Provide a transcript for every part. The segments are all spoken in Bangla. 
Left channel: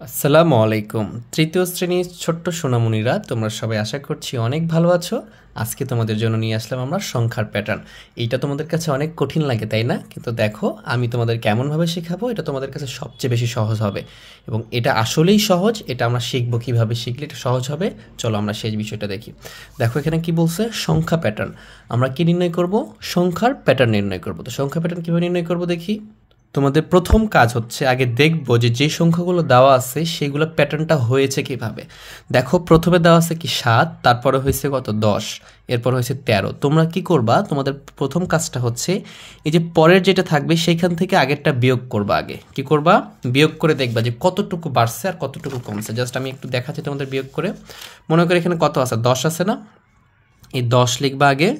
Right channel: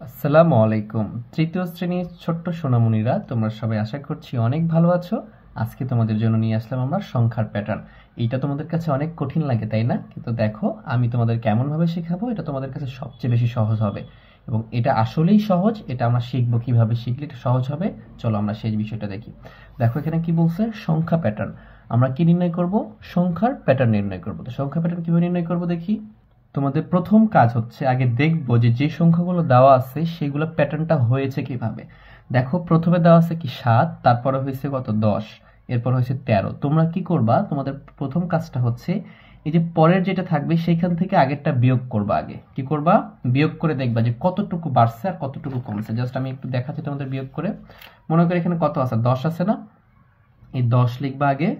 আসসালামু আলাইকুম। তৃতীয় শ্রেণীর ছোট্ট সোনামণিরা, তোমরা সবাই আশা করছি অনেক ভালো আছো। আজকে তোমাদের জন্য নিয়ে আসলাম আমরা সংখ্যার প্যাটার্ন। এইটা তোমাদের কাছে অনেক কঠিন লাগে, তাই না? কিন্তু দেখো, আমি তোমাদের কেমনভাবে শেখাবো এটা তোমাদের কাছে সবচেয়ে বেশি সহজ হবে। এবং এটা আসলেই সহজ, এটা আমরা শিখবো কীভাবে শিখলে এটা সহজ হবে। চলো আমরা সেই বিষয়টা দেখি। দেখো এখানে কি বলছে, সংখ্যা প্যাটার্ন। আমরা কি নির্ণয় করব? সংখ্যার প্যাটার্ন নির্ণয় করব। তো সংখ্যা প্যাটার্ন কীভাবে নির্ণয় করব দেখি। তোমাদের প্রথম কাজ হচ্ছে আগে দেখবো যে সংখ্যাগুলো দেওয়া আছে সেগুলো প্যাটার্নটা হয়েছে কিভাবে। দেখো প্রথমে দেওয়া আছে কি 7, তারপরে হয়েছে কত 10, এরপর হয়েছে 13। তোমরা কি করবা, তোমাদের প্রথম কাজটা হচ্ছে এই যে পরের যেটা থাকবে সেইখান থেকে আগেরটা বিয়োগ করবা। আগে কি করবা, বিয়োগ করে দেখবা যে কতটুকু বাড়ছে আর কতটুকু কমছে। জাস্ট আমি একটু দেখাচ্ছি তোমাদের বিয়োগ করে। মনে করে এখানে কত আছে, 10 আছে না? এই 10 লিখবা আগে।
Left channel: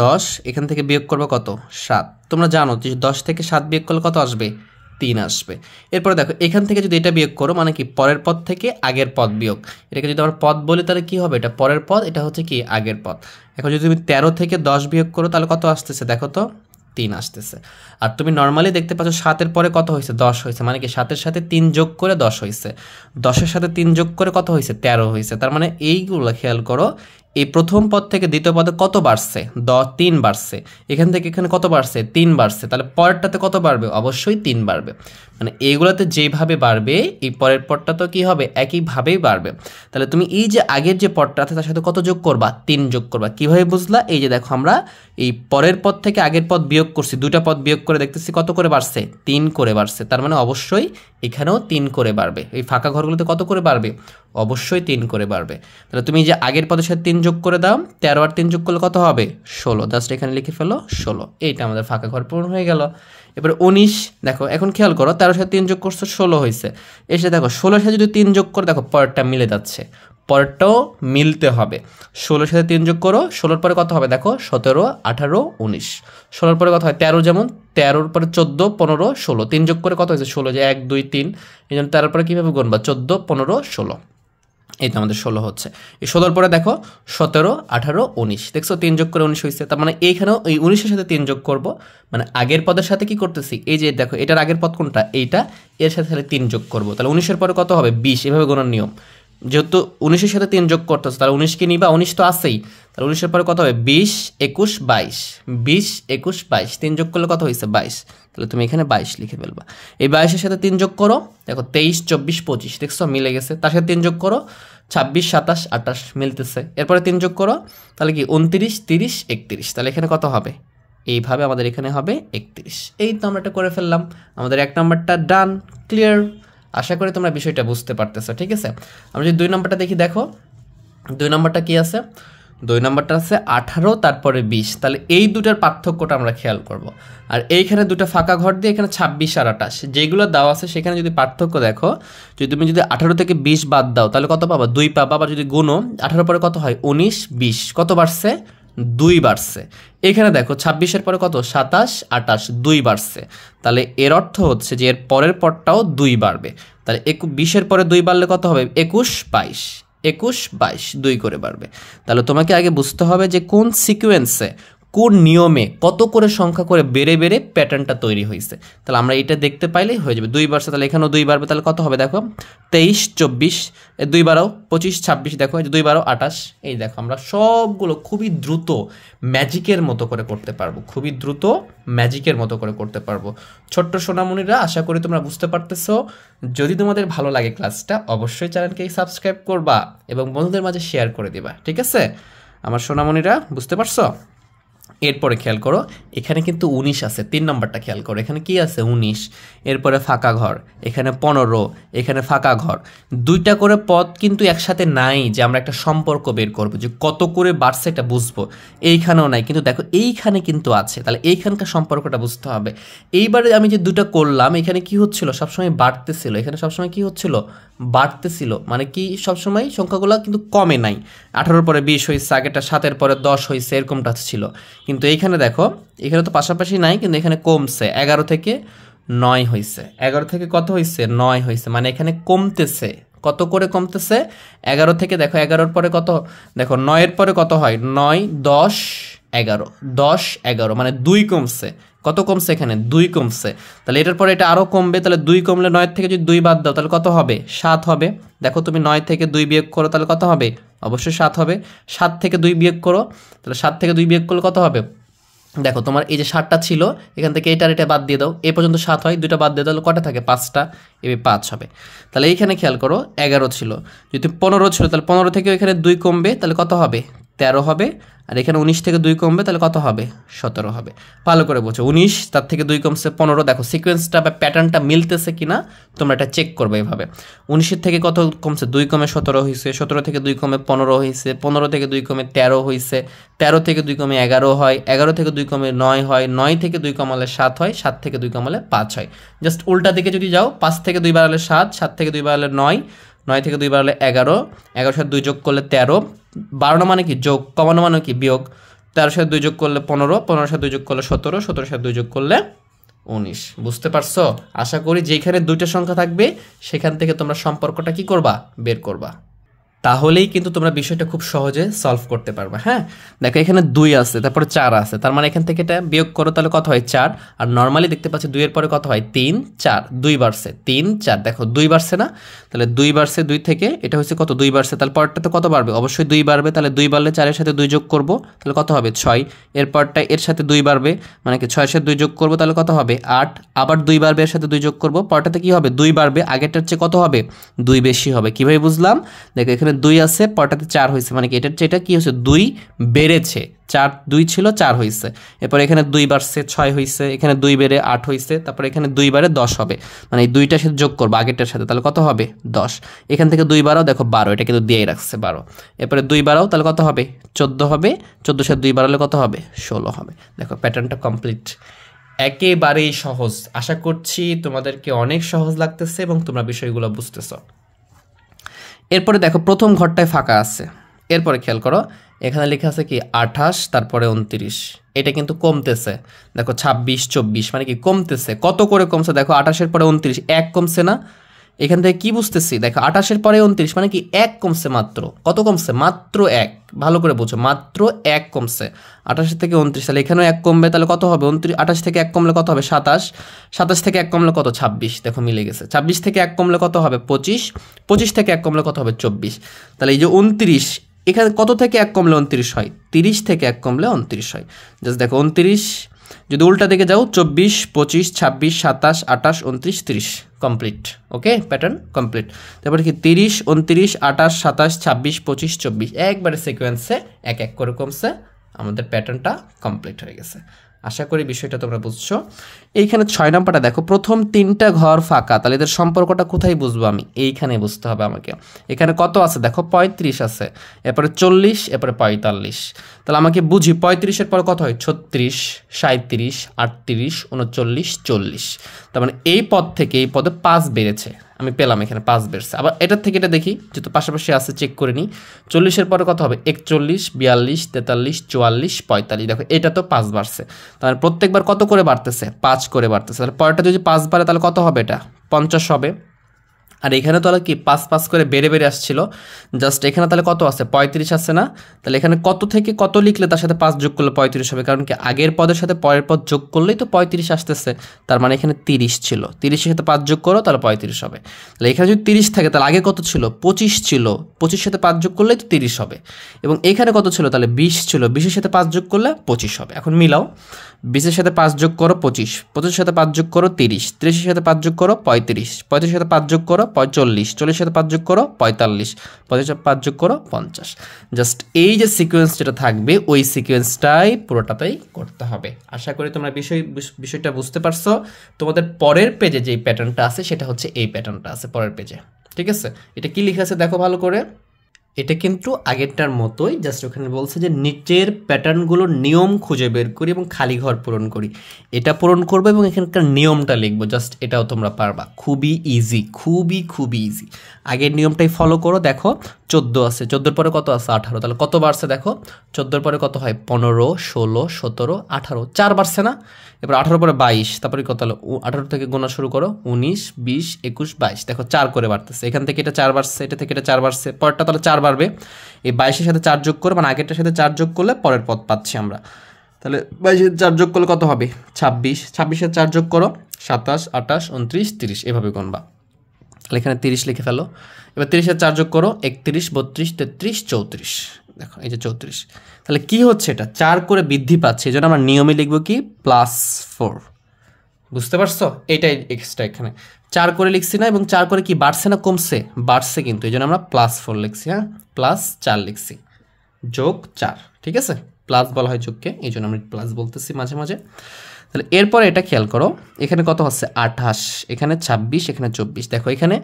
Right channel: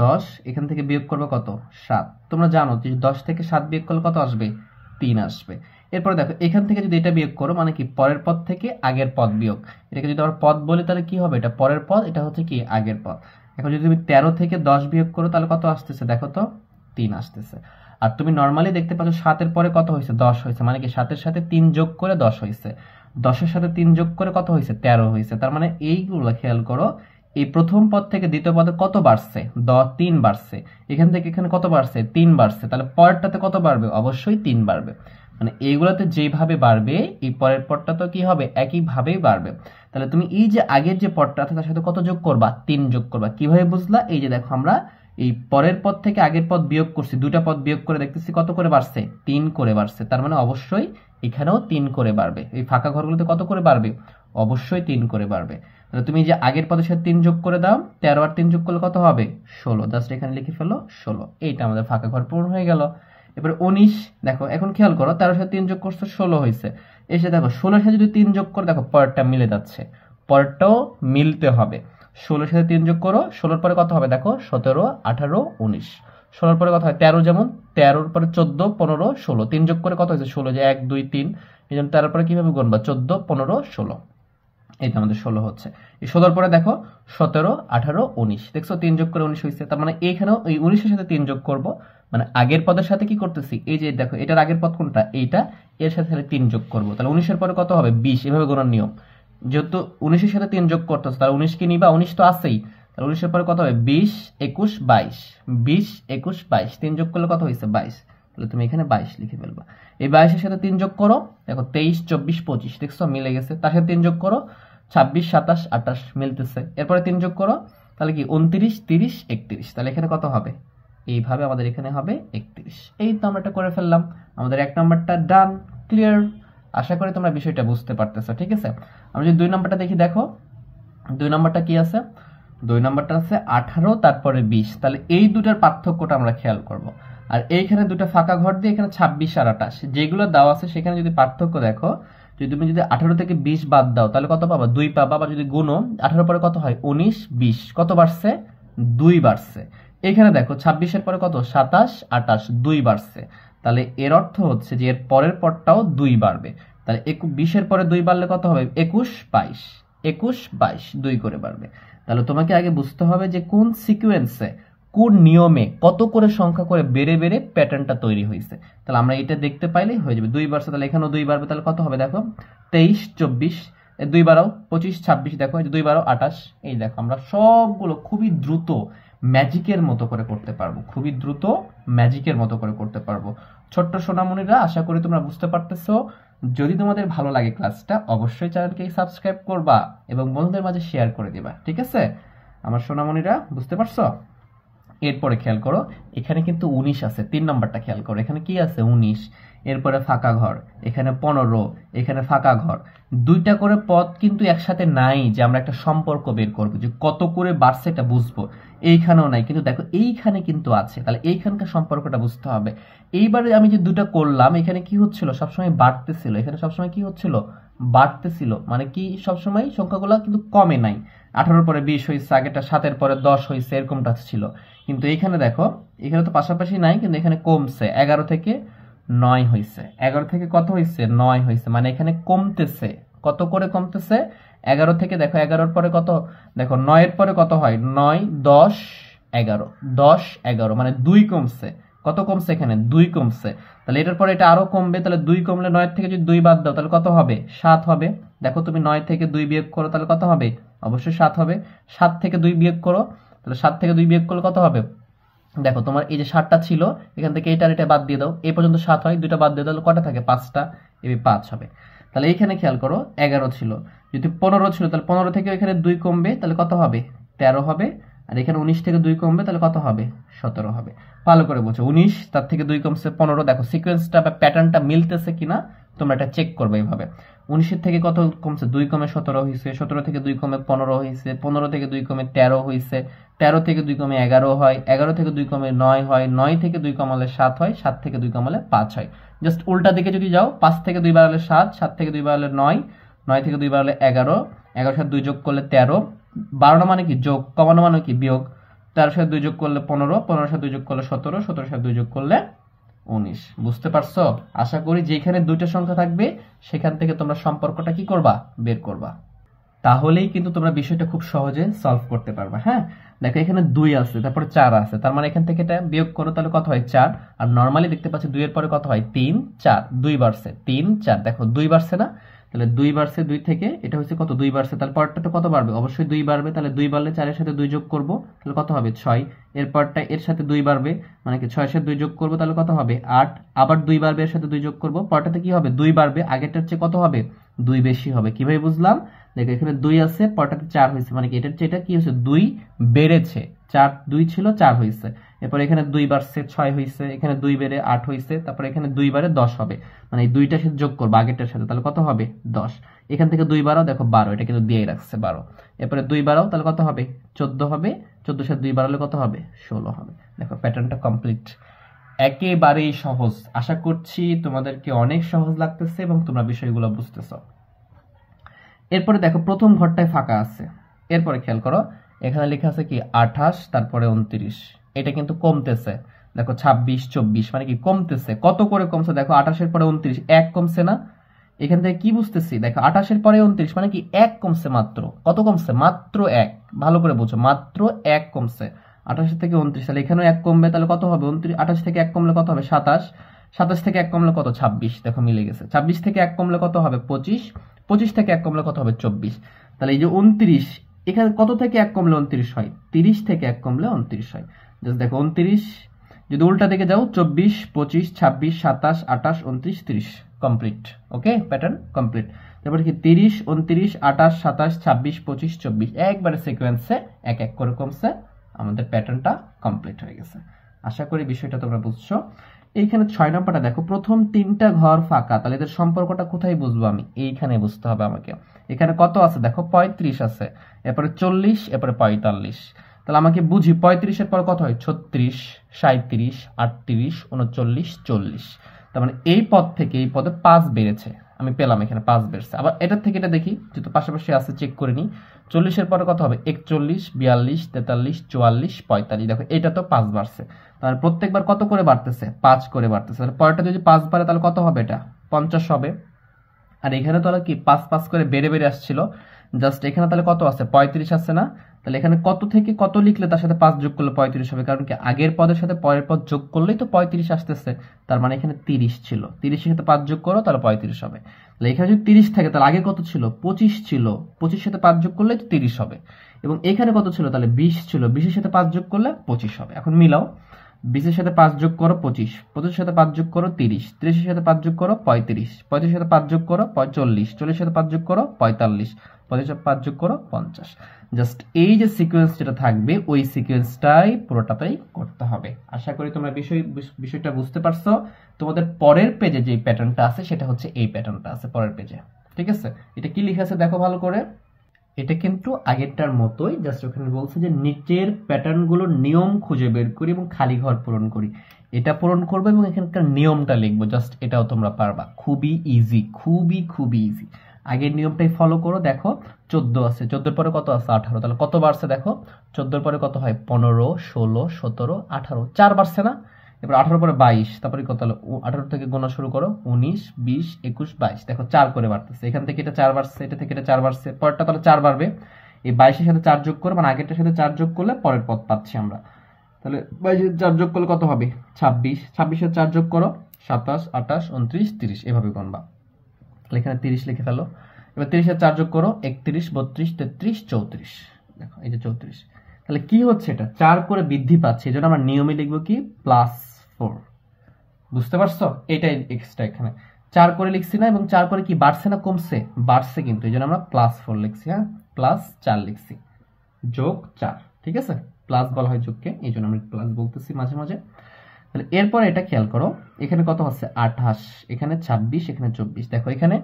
10 এখান থেকে বিয়োগ করবো কত, 7। তোমরা জানো যে 10 থেকে 7 বিয়োগ করলে কত আসবে, 3 আসবে। এরপরে দেখো এখান থেকে যদি এটা বিয়োগ করো মানে কি পরের পদ থেকে আগের পদ বিয়োগ। এটাকে যদি আমরা পদ বলি তাহলে কি হবে, এটা পরের পদ, এটা হচ্ছে কি আগের পদ। এখন যদি তুমি 13 থেকে 10 বিয়োগ করো তাহলে কত আসতেছে দেখো তো, 3 আসতেছে। আর তুমি নর্মালি দেখতে পাচ্ছ 7-এর পরে কত হয়েছে, 10 হয়েছে। মানে কি 7-এর সাথে 3 যোগ করে 10 হয়েছে, 10-এর সাথে 3 যোগ করে কত হয়েছে, 13 হয়েছে। তার মানে এইগুলো খেয়াল করো, এই প্রথম পদ থেকে দ্বিতীয় পদে কত বাড়ছে, 3 বাড়ছে। এখান থেকে এখানে কত বাড়ছে, 3 বাড়ছে। তাহলে পরেরটাতে কত বাড়বে, অবশ্যই 3 বাড়বে। মানে এইগুলোতে যেভাবে বাড়বে এই পরের পদটা তো কি হবে, একইভাবেই বাড়বে। তাহলে তুমি এই যে আগের যে পদটা আছে তার সাথে কত যোগ করবা, 3 যোগ করবা। কিভাবে বুঝলা, এই যে দেখো আমরা এই পরের পদ থেকে আগের পদ বিয়োগ করছি, দুইটা পদ বিয়োগ করে দেখতেছি কত করে বাড়ছে, 3 করে বাড়ছে। তার মানে অবশ্যই এখানেও 3 করে বাড়বে। এই ফাঁকা ঘরগুলোতে কত করে বাড়বে, অবশ্যই 3 করে বাড়বে। তাহলে তুমি যে আগের পদের সাথে 3 যোগ করে দাও, 13 আর 3 যোগ করলে কত হবে, 16। জাস্ট এখানে লিখে ফেলো 16। এইটা আমাদের ফাঁকা ঘর পূরণ হয়ে গেল। এবার 19 দেখো, এখন খেয়াল করো 13 সাথে 3 যোগ করছো 16 হয়েছে। এসে দেখো 16 সাথে যদি 3 যোগ করে দেখো পরেরটা মিলে যাচ্ছে, পরেরটাও মিলতে হবে। 16 সাথে 3 যোগ করো, 16 পরে কত হবে দেখো, 17, 18, 19। 16 পরে কত হয় 13, যেমন 13 পরে 14, 15, 16। 3 যোগ করে কত হয়েছে 16, যে 1 2 3। এই জন্য 13 পরে কীভাবে গুনবা, 14, 15, 16। এই তো আমাদের 16 হচ্ছে। এই 16 পরে দেখো 17, 18, 19। দেখছো 3 যোগ করে 19 হয়েছে। তার মানে এইখানেও এই 19-এর সাথে 3 যোগ করব, মানে আগের পদের সাথে কি করতেছি, এই যে দেখো এটার আগের পদ কোনটা, এইটা, এর সাথে তাহলে 3 যোগ করব। তাহলে 19-এর পরে কত হবে, 20। এভাবে গোনার নিয়ম। যেহেতু 19-এর সাথে 3 যোগ করতেছে তাহলে 19 কি নিবা, 19 তো আছেই। তাহলে 19-এর পরে কত হবে, 20, 21, 22। 20, 21, 22, 3 যোগ করলে কত হয়েছে, 22। তাহলে তুমি এখানে 22 লিখে ফেলবা। এই 22-এর সাথে 3 যোগ করো, দেখো 23, 24, 25। দেখছো মিলে গেছে। তার সাথে 3 যোগ করো, 26, 27, 28 মিলতেছে। এরপরে 3 যোগ করো, তাহলে কি 29, 30, 31। তাহলে এখানে কত হবে, এইভাবে আমাদের এখানে হবে 31। এই তো আমরা এটা করে ফেললাম। আমাদের 1 নম্বরটা ডান, ক্লিয়ার। আশা করি তোমরা বিষয়টা বুঝতে পারতেছো, ঠিক আছে? আমরা যদি 2 নম্বরটা দেখি, দেখো 2 নম্বরটা কি আছে, 2 নম্বরটা আছে 18 তারপরে 20। তাহলে এই দুটার পার্থক্যটা আমরা খেয়াল করব। আর এইখানে দুটো ফাঁকা ঘর দিয়ে এখানে 26 আর 28 যেগুলো দেওয়া আছে সেখানে যদি পার্থক্য দেখো, যদি তুমি যদি 18 থেকে 20 বাদ দাও তাহলে কত পাবা, 2 পাবা। আবার যদি গুনো 18 পরে কত হয়, 19, 20, কত বাড়ছে, 2 বাড়ছে। এখানে দেখো 26-এর পরে কত, 27, 28, 2 বাড়ছে। তাহলে এর অর্থ হচ্ছে যে এর পরের পরটাও 2 বাড়বে। তাহলে 20-এর পরে 2 বাড়লে কত হবে, 21, 22, 21, 22, 2 করে বাড়বে। তাহলে তোমাকে আগে বুঝতে হবে যে কোন সিকোয়েন্সে, কোন নিয়মে কত করে সংখ্যা করে বেড়ে বেড়ে প্যাটার্নটা তৈরি হয়েছে। তাহলে আমরা এটা দেখতে পাইলেই হয়ে যাবে। 2 বাড়ছে, তাহলে এখানেও 2 বাড়বে। তাহলে কত হবে দেখো, 23, 24, 2 বাড়াও 25, 26। দেখো 2 বাড়াও 28। এই দেখো আমরা সবগুলো খুবই দ্রুত ম্যাজিকের মতো করে করতে পারবো, খুবই দ্রুত ম্যাজিকের মতো করে করতে পারবো। ছোট্ট সোনামণিরা, আশা করি তোমরা বুঝতে পারতেছো। যদি তোমাদের ভালো লাগে ক্লাসটা, অবশ্যই চ্যানেলকে সাবস্ক্রাইব করবা এবং বন্ধুদের মাঝে শেয়ার করে দিবা, ঠিক আছে? আমার সোনামণিরা, বুঝতে পারছো? এরপরে খেয়াল করো, এখানে কিন্তু 19 আছে। 3 নম্বরটা খেয়াল করো, এখানে কি আছে, 19। এরপরে ফাঁকা ঘর, এখানে 15, এখানে ফাঁকা ঘর। দুইটা করে পদ কিন্তু একসাথে নাই যে আমরা একটা সম্পর্ক বের করবো যে কত করে বাড়ছে এটা বুঝবো। এইখানেও নাই, কিন্তু দেখো এইখানে কিন্তু আছে। তাহলে এইখানকার সম্পর্কটা বুঝতে হবে। এইবারে আমি যে দুটো করলাম, এখানে কি হচ্ছিল, সবসময় বাড়তেছিল। এখানে সবসময় কি হচ্ছিল, বাড়তেছিল। মানে কি সবসময় সংখ্যাগুলো কিন্তু কমে নাই। 18-এর পরে 20 হয়েছে, আগেটা 7-এর পরে 10 হয়েছে, এরকমটা ছিল। কিন্তু এইখানে দেখো, এখানে তো পাশাপাশি নাই, কিন্তু এখানে কমছে। 11 থেকে 9 হয়েছে, 11 থেকে কত হয়েছে, 9 হয়েছে। মানে এখানে কমতেছে। কত করে কমতেছে, 11 থেকে দেখো 11-এর পরে কত, দেখো 9-এর পরে কত হয়, 9, 10, 11, 10, 11, মানে 2 কমছে। কত কমছে এখানে 2 কমছে, তাহলে এটার পরে এটা আরও কমবে, তাহলে 2 কমলে 9 থেকে যদি 2 বাদ দাও তাহলে কত হবে 7 হবে। দেখো তুমি 9 থেকে 2 বিয়োগ করো তাহলে কত হবে, অবশ্যই 7 হবে। 7 থেকে 2 বিয়োগ করো, তাহলে 7 থেকে 2 বিয়োগ করলে কত হবে, দেখো তোমার এই যে 7টা ছিল এখান থেকে এটা বাদ দিয়ে দাও, এ পর্যন্ত 7 হয়, 2টা বাদ দিয়ে তাহলে কটা থাকে 5টা, এবার 5 হবে। তাহলে এইখানে খেয়াল করো 11 ছিল, যদি 15 ছিল তাহলে 15 থেকে এখানে 2 কমবে তাহলে কত হবে 13 হবে, আর এখানে 19 থেকে 2 কমবে তাহলে কত হবে 17 হবে। ভালো করে বোঝো, 19 তার থেকে 2 কমছে 15, দেখো সিকোয়েন্সটা বা প্যাটার্নটা মিলতেছে কিনা তোমরা এটা চেক করবে এইভাবে। 19 থেকে কত কমছে 2 কমে 17 হয়েছে, 17 থেকে 2 কমে 15 হয়েছে, 15 থেকে 2 কমে 13 হয়েছে, 13 থেকে 2 কমে 11 হয়, 11 থেকে 2 কমে 9 হয়, 9 থেকে 2 কমালে 7 হয়, 7 থেকে 2 কমালে 5 হয়। জাস্ট উল্টা দিকে যদি যাও 5 থেকে 2 বাড়ালে 7, 7 থেকে 2 বাড়ালে 9, 9 থেকে 2 বাড়ালে 11, 11 সাথে 2 যোগ করলে 13, 12 মানে কি যোগ, কমানো মানে কি বিয়োগ, 13 সাথে 2 যোগ করলে 15, 15 সাথে 2 যোগ করলে 17, 17 সাথে 2 যোগ করলে 19। বুঝতে পারছো? আশা করি যেখানে দুইটা সংখ্যা থাকবে সেখান থেকে তোমরা সম্পর্কটা কি করবা, বের করবা, তাহলেই কিন্তু তোমরা বিষয়টা খুব সহজে সলভ করতে পারবে। হ্যাঁ, দেখো এখানে 2 আছে, তারপরে 4 আছে, তার মানে এখান থেকে এটা বিয়োগ করো তাহলে কত হয় 4, আর নর্মালি দেখতে পাচ্ছি 2 এর পরে কত হয় 3 4, 2 বাড়ছে 3 4, দেখো 2 বাড়ছে না, তাহলে 2 বাড়ছে 2 থেকে এটা হচ্ছে কত 2 বাড়ছে, তাহলে পরেরটাতে কত বাড়বে, অবশ্যই 2 বাড়বে, তাহলে 2 বাড়লে 4 এর সাথে 2 যোগ করব তাহলে কত হবে 6, এর পরটা এর সাথে 2 বাড়বে মানে কি 6 এর সাথে 2 যোগ করব তাহলে কত হবে 8, আবার 2 বাড়বে এর সাথে 2 যোগ করব, পরটাতে কি হবে 2 বাড়বে, আগেরটার চেয়ে কত হবে 2 বেশি হবে। কিভাবে বুঝলাম, দেখো এখানে 2 আছে, পরটাতে 4 হয়েছে, মানে কি এটার চেয়ে এটা কি হয়েছে 2 বেড়েছে, 4 2 ছিল 4 হয়েছে, এরপর এখানে 2 বাড়ছে 6 হয়েছে, এখানে 2 বেড়ে 8 হয়েছে, তারপর এখানে 2 বাড়ে 10 হবে, মানে এই 2টার সাথে যোগ করবো আগেরটার সাথে তাহলে কত হবে 10, এখান থেকে 2 বাড়াও, দেখো 12, এটা কিন্তু দিয়েই রাখছে 12, এরপরে 2 বাড়াও তাহলে কত হবে 14 হবে, 14 সাথে 2 বাড়ালে কত হবে 16 হবে। দেখো প্যাটার্নটা কমপ্লিট, একেবারেই সহজ। আশা করছি তোমাদেরকে অনেক সহজ লাগতেছে এবং তোমরা বিষয়গুলো বুঝতেছো। এরপরে দেখো প্রথম ঘরটায় ফাঁকা আছে, এরপরে খেয়াল করো এখানে লেখা আছে কি 28, তারপরে 29, এটা কিন্তু কমতেছে, দেখো 26 24 মানে কি কমতেছে, কত করে কমছে দেখো 28-এর পরে 29 1 কমছে না, এখান থেকে কি বুঝতেছি দেখো 28-এর পরে 29 মানে কি 1 কমছে মাত্র, কত কমছে মাত্র 1, ভালো করে বোঝো মাত্র 1 কমছে 28 থেকে 29, তাহলে এখানেও 1 কমবে তাহলে কত হবে 29, 28 থেকে 1 কমলে কত হবে 27, 27 থেকে 1 কমলে কত 26, দেখো মিলে গেছে, 26 থেকে 1 কমলে কত হবে 25, 25 থেকে 1 কমলে কত হবে 24, তাহলে এই যে 29 এখানে কত থেকে 1 কমলে 29 হয় 30 থেকে 1 কমলে 29 হয়। জাস্ট দেখো 29 যদি উল্টা দিকে যাও 24 25 26 27 28 29 30, কমপ্লিট। ওকে, প্যাটার্ন কমপ্লিট। তারপরে কি 30 29 28 27 26 25 24 একবারে সিকোয়েন্সে এক এক করে কমছে, আমাদের প্যাটার্নটা কমপ্লিট হয়ে গেছে। আশা করি বিষয়টা তোমরা বুঝছো। এইখানে 6 নাম্বারটা দেখো, প্রথম 3টা ঘর ফাঁকা, তাহলে এদের সম্পর্কটা কোথায় বুঝবো আমি, এইখানে বুঝতে হবে আমাকে। এখানে কত আছে দেখো 35 আছে, এরপরে 40, এরপরে 45, তাহলে আমাকে বুঝি 35-এর পরে কত হয় 36 37 38 39 40, তার মানে এই পদ থেকে এই পদে 5 বেড়েছে, আমি পেলাম এখানে 5 বেড়েছে। আবার এটার থেকে এটা দেখি যেহেতু পাশাপাশি আছে চেক করে নিই, 40-এর পরে কত হবে 41 42 43 44 45, দেখো এটা তো 5 বাড়ছে, তাহলে প্রত্যেকবার কত করে বাড়তেছে 5 করে বাড়তেছে, তাহলে পরেরটা যদি 5 বাড়ে তাহলে কত হবে এটা 50 হবে। আর এখানে তাহলে কি 5 5 করে বেড়ে বেড়ে আসছিল, জাস্ট এখানে তাহলে কত আছে 35 আছে না, তাহলে এখানে কত থেকে কত লিখলে তার সাথে 5 যোগ করলে 35 হবে, কারণ কি আগের পদের সাথে পরের পদ যোগ করলেই তো 35 আসতেছে, তার মানে এখানে 30 ছিল, 30-এর সাথে 5 যোগ করো তাহলে 35 হবে। তাহলে এখানে যদি 30 থাকে তাহলে আগে কত ছিল 25 ছিল, 25-এর সাথে 5 যোগ করলেই তো 30 হবে, এবং এখানে কত ছিল তাহলে 20 ছিল, 20-এর সাথে 5 যোগ করলে 25 হবে। এখন মিলাও, 20-এর সাথে 5 যোগ করো 25, 25-এর সাথে 5 যোগ করো 30, 30-এর সাথে 5 যোগ করো 35, 35-এর সাথে 5 যোগ করো 40, 40-এর সাথে 5 যোগ করো 45, 45-এর সাথে 5 যোগ করো 50। জাস্ট এই যে সিকোয়েন্স যেটা থাকবে ওই সিকোয়েন্সটাই পুরোটাতেই করতে হবে। আশা করি তোমরা বিষয়টা বুঝতে পারছো। তোমাদের পরের পেজে যেই প্যাটার্নটা আছে সেটা হচ্ছে এই প্যাটার্নটা আছে পরের পেজে, ঠিক আছে? এটা কি লেখা আছে দেখো ভালো করে, এটা কিন্তু আগেরটার মতোই, জাস্ট ওখানে বলছে যে নিচের প্যাটার্নগুলোর নিয়ম খুঁজে বের করি এবং খালি ঘর পূরণ করি, এটা পূরণ করবো এবং এখানকার নিয়মটা লিখবো, জাস্ট এটাও তোমরা পারবা, খুবই ইজি, খুবই ইজি। আগের নিয়মটাই ফলো করো। দেখো 14 আছে, 14-এর পরে কত আছে 18, তাহলে কত বাড়ছে দেখো 14-এর পরে কত হয় 15 16 17 18, 4 বাড়ছে না, এবার 18 পরে 22, তারপরে কত হলো 18 থেকে গোনা শুরু করো 19 20 21 22, দেখো 4 করে বাড়তেছে, এখান থেকে এটা 4 বাড়ছে, এটা থেকে এটা 4 বাড়ছে, পরেরটা তাহলে 4 বাড়বে, এই 22-এর সাথে 4 যোগ করে মানে আগেরটার সাথে 4 যোগ করলে পরের পদ পাচ্ছি আমরা তাহলে 22-এর 4 যোগ করলে কত হবে 26, 26-এর 4 যোগ করো 27, 28, 29, 30 এভাবে গুনবা। তাহলে এখানে 30 লিখে ফেলো। এবার 30-এর 4 যোগ করো 31, 32, 33, 34। দেখো এই যে 34। তাহলে কি হচ্ছে এটা 4 করে বৃদ্ধি পাচ্ছে, এই জন্য আমরা নিয়মে লিখবো কি +4। বুঝতে পারছো? এটাই এক্সট্রা এখানে 4 করে লিখছি না, এবং 4 করে কি বাড়ছে না কমছে? বাড়ছে, কিন্তু এই জন্য আমরা +4 লিখছি। হ্যাঁ, +4 লিখছি, যোগ 4। ঠিক আছে, প্লাস বলা হয় যোগকে, এই জন্য আমি প্লাস বলতেছি মাঝে মাঝে। তাহলে এরপরে এটা খেয়াল করো, এখানে কত হচ্ছে 28, এখানে 26, এখানে 24। দেখো এখানে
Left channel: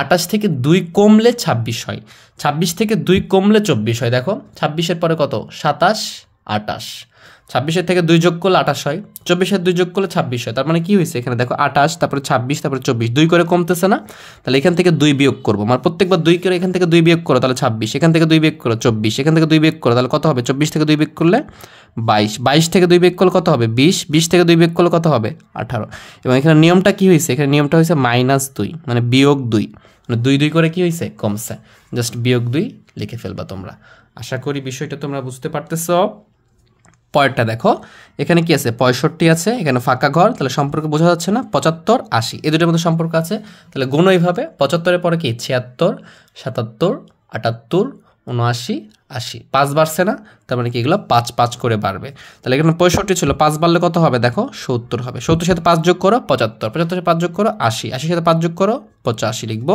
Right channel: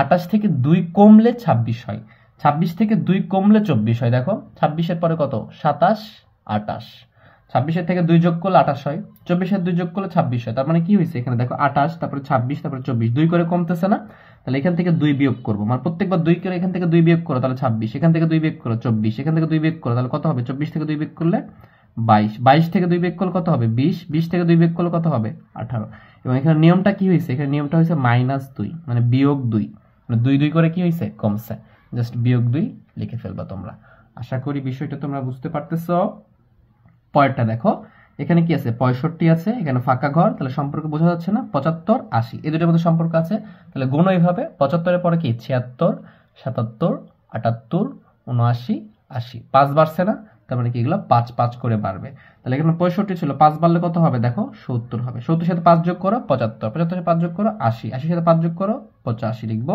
28 থেকে 2 কমলে 26 হয়, 26 থেকে 2 কমলে 24 হয়। দেখো 26-এর পরে কত 27, 28, 26-এর থেকে 2 যোগ করলে 28 হয়, 24-এর 2 যোগ করলে 26 হয়। তার মানে কি হয়েছে এখানে দেখো 28, তারপরে 26, তারপরে 24, 2 করে কমতেছে না? তাহলে এখান থেকে 2 বিয়োগ করবো, মানে প্রত্যেকবার 2 করে এখান থেকে 2 বিয়োগ করো, তাহলে 26, এখান থেকে 2 বিয়োগ করো 24, এখান থেকে 2 বিয়োগ করো, তাহলে কত হবে 24 থেকে 2 বিয়োগ করলে 22, 22 থেকে 2 বিয়োগ করলে কত হবে 20, 20 থেকে 2 বিয়োগ করলে কত হবে 18। এবং এখানে নিয়মটা কি হয়েছে, এখানে নিয়মটা হয়েছে -2, মানে বিয়োগ 2, মানে 2 2 করে কি হয়েছে কমছে, জাস্ট বিয়োগ 2 লিখে ফেলবা তোমরা। আশা করি বিষয়টা তোমরা বুঝতে পারতেছো। পরেরটা দেখো, এখানে কি আছে 65 আছে, এখানে ফাঁকা ঘর, তাহলে সম্পর্ক বোঝা যাচ্ছে না, 75, 80 এই দুটোর মধ্যে সম্পর্ক আছে। তাহলে গুণ এইভাবে, 75-এর পরে কি 76, 77, 78, 79, 80, 5 বাড়ছে না? তার মানে কি এগুলো 5 5 করে বাড়বে। তাহলে এখানে 65 ছিল, 5 বাড়লে কত হবে দেখো 70 হবে, 70-এর সাথে 5 যোগ করো 75, 75-এর সাথে 5 যোগ করো 80, 80-এর সাথে 5 যোগ করো 85 লিখবো,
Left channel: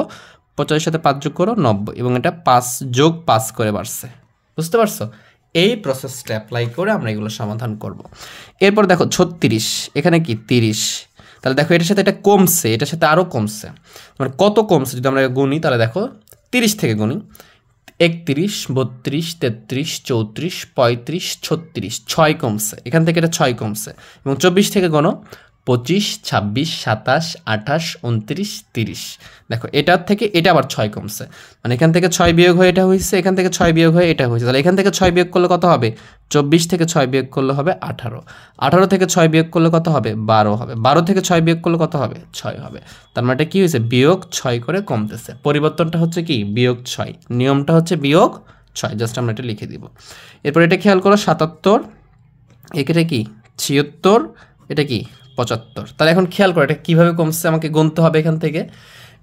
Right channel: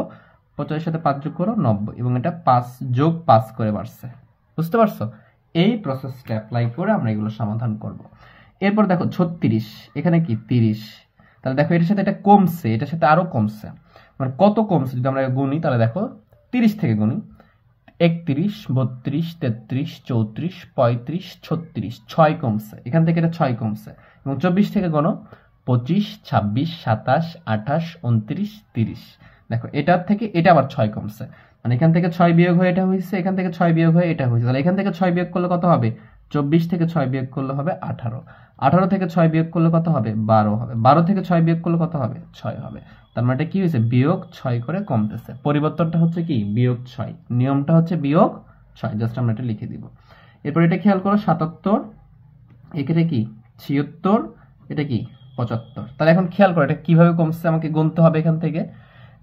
85-এর সাথে 5 যোগ করো 90, এবং এটা 5 যোগ 5 করে বাড়ছে। বুঝতে পারছো? এই প্রসেসটা অ্যাপ্লাই করে আমরা এগুলো সমাধান করব। এরপর দেখো 36, এখানে কি 30, তাহলে দেখো এটার সাথে এটা কমছে, এটার সাথে আরও কমছে, মানে কত কমছে যদি আমরা গুনি, তাহলে দেখো 30 থেকে গুনি 31, 32, 33, 34, 35, 36, 6 কমছে, এখান থেকে এটা 6 কমছে। এবং 24 থেকে গণো 25, 26, 27, 28, 29, 30। দেখো এটার থেকে এটা আবার 6 কমছে, মানে এখান থেকে 6 বিয়োগ হয়ে এটা হয়েছে, এখান থেকে 6 বিয়োগ হয়ে এটা হয়েছে। তাহলে এখান থেকে 6 বিয়োগ করলে কত হবে 24 থেকে 6 বিয়োগ করলে হবে 18, 18 থেকে 6 বিয়োগ করলে কত হবে 12 হবে, 12 থেকে 6 বিয়োগ করলে কত হবে 6 হবে। তার মানে এটা কি হয়েছে বিয়োগ 6 করে কমতেছে, পরিবর্তনটা হচ্ছে কি বিয়োগ 6, নিয়মটা হচ্ছে বিয়োগ 6, জাস্ট আমরা এটা লিখে দিব। এরপর এটা খেয়াল করো 77, এটা কি 76, এটা কি 75। তাহলে এখন খেয়াল করো এটা কীভাবে কমছে, আমাকে গুনতে হবে এখান থেকে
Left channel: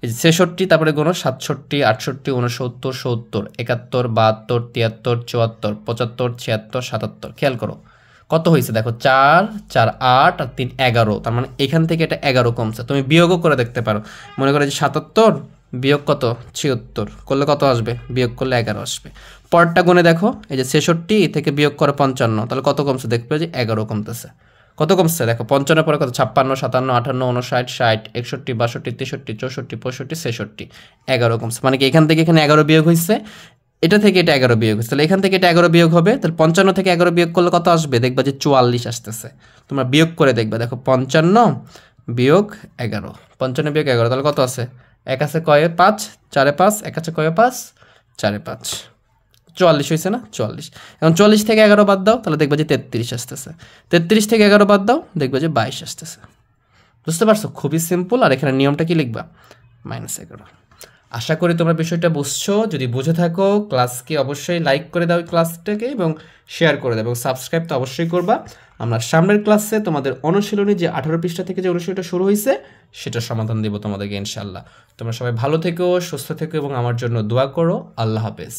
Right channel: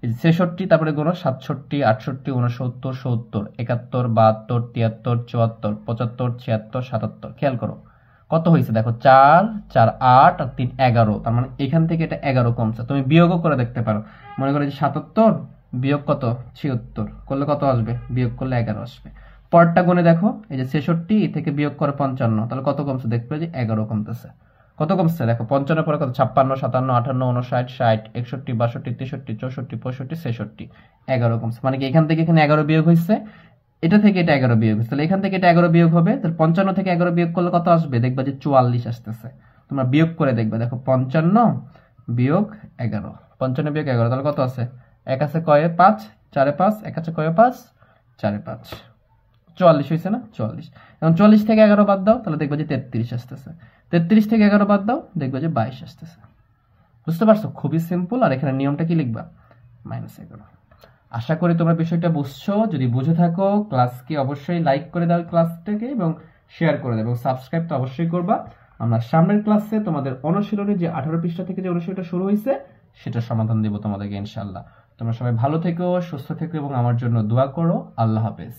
66, তারপরে গুনো 67, 68, 69, 70, 71, 72, 73, 74, 75, 76, 77। খেয়াল করো কত হয়েছে দেখো 4 4 8 আর 3 11, তার মানে এখান থেকে এটা 11 কমছে। তুমি বিয়োগও করে দেখতে পারো, মনে করো যে 77 বিয়োগ কত 76 করলে কত আসবে, বিয়োগ করলে 11 আসবে। পরটা গুনে দেখো, এই যে 66 থেকে বিয়োগ করে 55, তাহলে কত কমছে দেখবে যে 11 কমতেছে। কত কমছে দেখো 55 পরে কত 56, 57, 58, 59, 60, 61, 62, 63, 64, 65, 66, 11 কমছে, মানে কি এখান থেকে এখানে 11 বিয়োগ হয়েছে, এটা থেকে এটা 11 বিয়োগ হয়েছে, তাহলে এখান থেকে এটা 11 বিয়োগ হবে, তাহলে 55 থেকে 11 বিয়োগ করলে কত আসবে দেখবা যে 44 আসতেছে। তোমরা বিয়োগ করে দেখবে, দেখো 55 বিয়োগ 11, 55 বিয়োগ 11, তাহলে কত আছে, 1 আছে কয়ে 5, 4 5, 1 আছে কয়ে 5, 4 5, 44 হয়েছে না 44। এখন 44 থেকে 11 বাদ দাও, তাহলে দেখবা যে 33 আসতেছে, 33 থেকে 11 বাদ দাও, দেখবা যে 22 আসতেছে। বুঝতে পারছো? খুবই সিম্পল। আর এখানে নিয়মটা কি লিখবা -11। আশা করি তোমরা বিষয়টা বুঝছো। যদি বুঝে থাকো ক্লাসকে অবশ্যই লাইক করে দাও ক্লাসটাকে, এবং শেয়ার করে দাও, এবং সাবস্ক্রাইব তো অবশ্যই করবা। আমরা সামনের ক্লাসে তোমাদের অনুশীলনী যে 18 পৃষ্ঠা থেকে যে অনুশীলনটা শুরু হয়েছে সেটা সমাধান দেব তোমাদেরকে ইনশাআল্লাহ। তোমরা সবাই ভালো থেকো, সুস্থ থেকো, এবং আমার জন্য দোয়া করো। আল্লাহ হাফেজ।